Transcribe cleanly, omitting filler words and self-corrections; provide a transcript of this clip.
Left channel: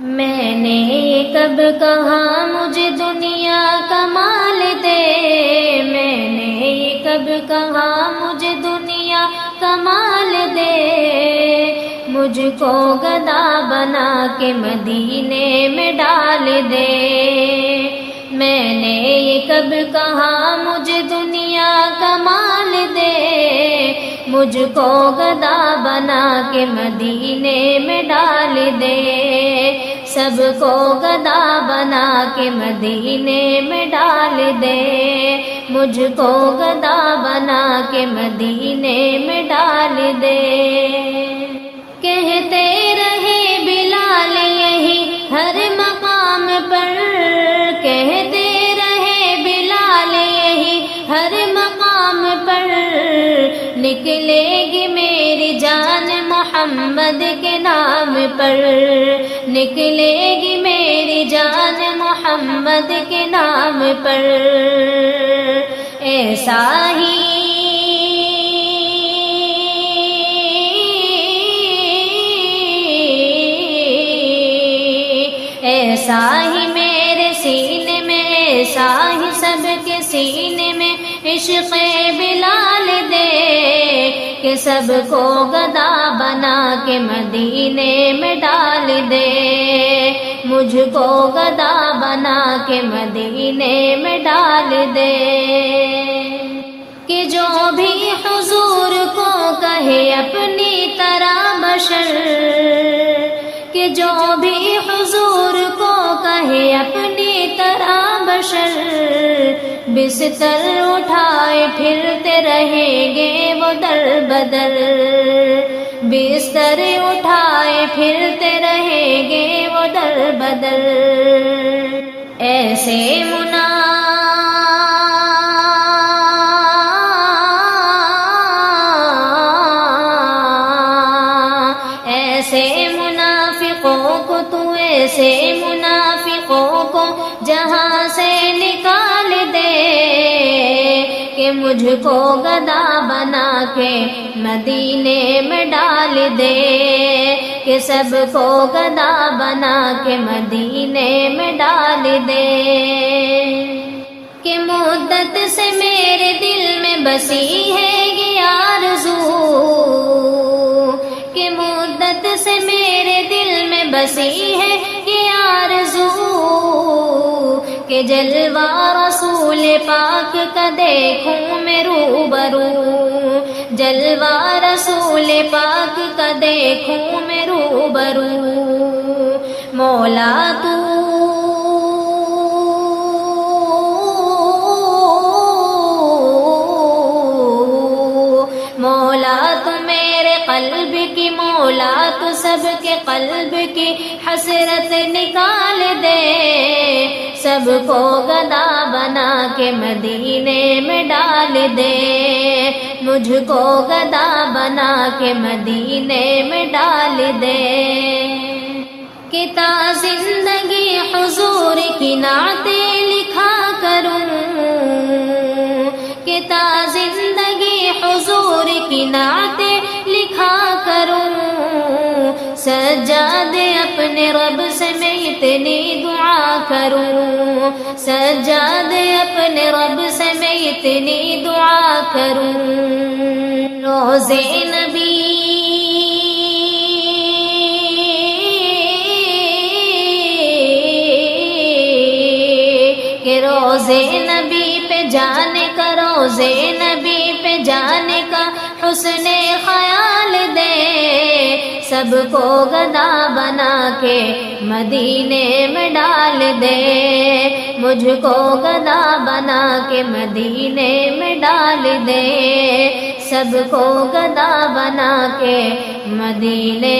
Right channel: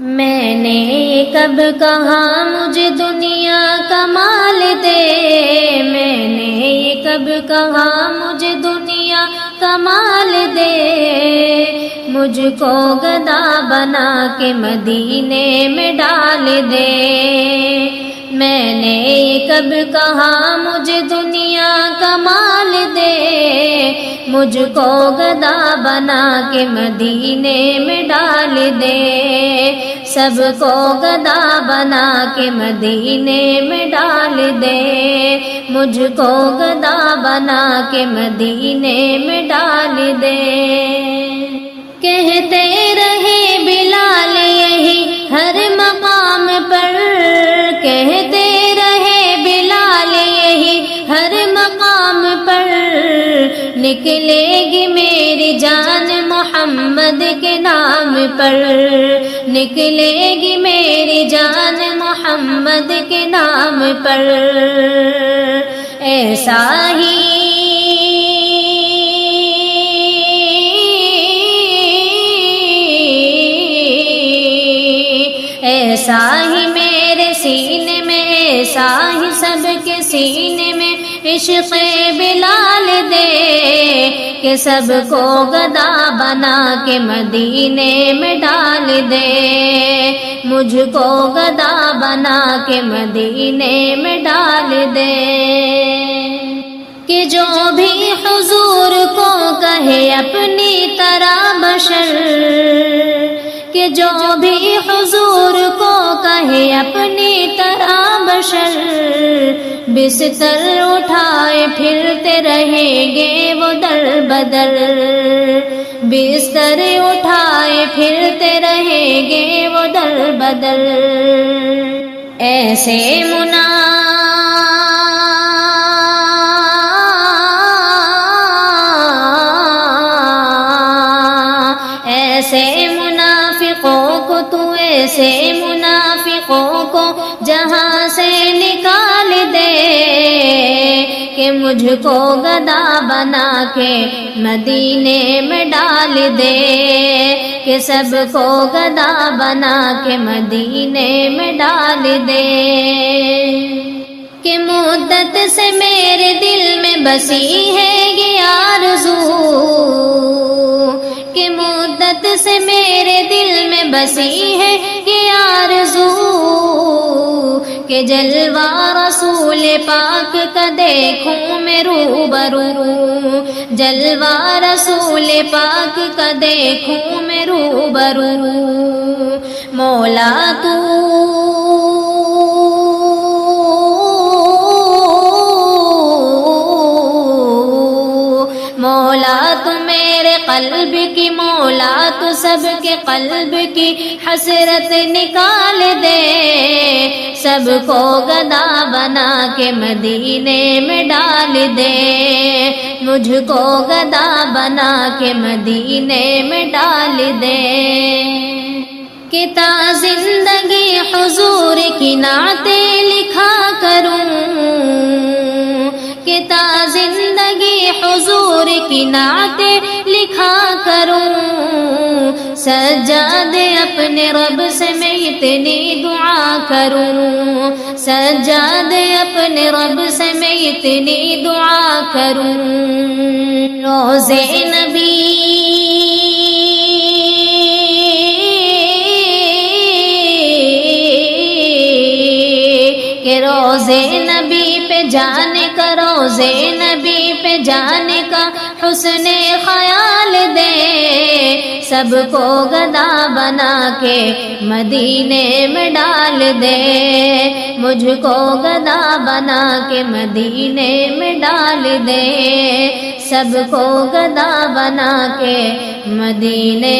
میں نے کب کہا مجھے دنیا کا مال دے، میں نے کب کہا مجھے دنیا کا مال دے، مجھ کو گدا بنا کے مدینے میں ڈال دے۔ میں نے کب کہا مجھے دنیا کا مال دے، مجھ کو گدا بنا کے مدینے میں ڈال دے، سب کو گدا بنا کے مدینے میں ڈال دے، مجھ کو گدا بنا کے مدینے میں ڈال دے۔ کہتے رہے بلال یہی ہر مقام پر، کہتے رہے بلال یہی ہر مقام پر، نکلے گی میری جان محمد کے نام پر، نکلے گی میری جان محمد کے نام پر۔ ایسا ہی ایسا ہی میرے سینے میں، ایسا ہی سب کے سینے میں عشق بلال دے، کہ سب کو گدا بنا کے مدینے میں ڈال دے، مجھ کو گدا بنا کے مدینے میں ڈال دے۔ کہ جو بھی حضور کو کہے اپنی طرح بشر، کہ جو بھی حضور کو کہے اپنی طرح بشر، بستر اٹھائے پھرتے رہیں گے وہ در بدر، بستر اٹھائے پھرتے رہیں گے وہ در بدر۔ ایسے منافقوں کو تو ایسے منافقوں کو جہاں سے نکال دے، کہ مجھ کو گدا بنا کے مدینے میں ڈال دے، کہ سب کو گدا بنا کے مدینے میں ڈال دے۔ کہ مدت سے میرے دل میں بسی ہے یہ آرزو، کہ مدت سے میرے دل میں بسی ہے یہ آرزو، کہ جلوہ رسول پاک کا دیکھوں میں روبرو، جلوہ رسول پاک کا دیکھوں میں روبرو۔ مولا تو قلب کی، مولا تو سب کے قلب کی حسرت نکال دے، سب کو گدا بنا کے مدینے میں ڈال دے، مجھ کو گدا بنا کے مدینے میں ڈال دے۔ کہ تا زندگی حضور کی نعتیں لکھا کروں، کہ تا زندگی حضور کی نعتیں لکھا کروں، سجاد اپنے رب سے میں اتنی دعا کروں، سجاد اپنے رب سے میں اتنی دعا کروں۔ روضے نبی کہ روضے نبی پہ جانے کا، روضے نبی پہ جانے کا حسن خیال دے، سب کو گدا بنا کے مدینے میں ڈال دے، مجھ کو گدا بنا کے مدینے میں ڈال دے، سب کو گدا بنا کے مدینے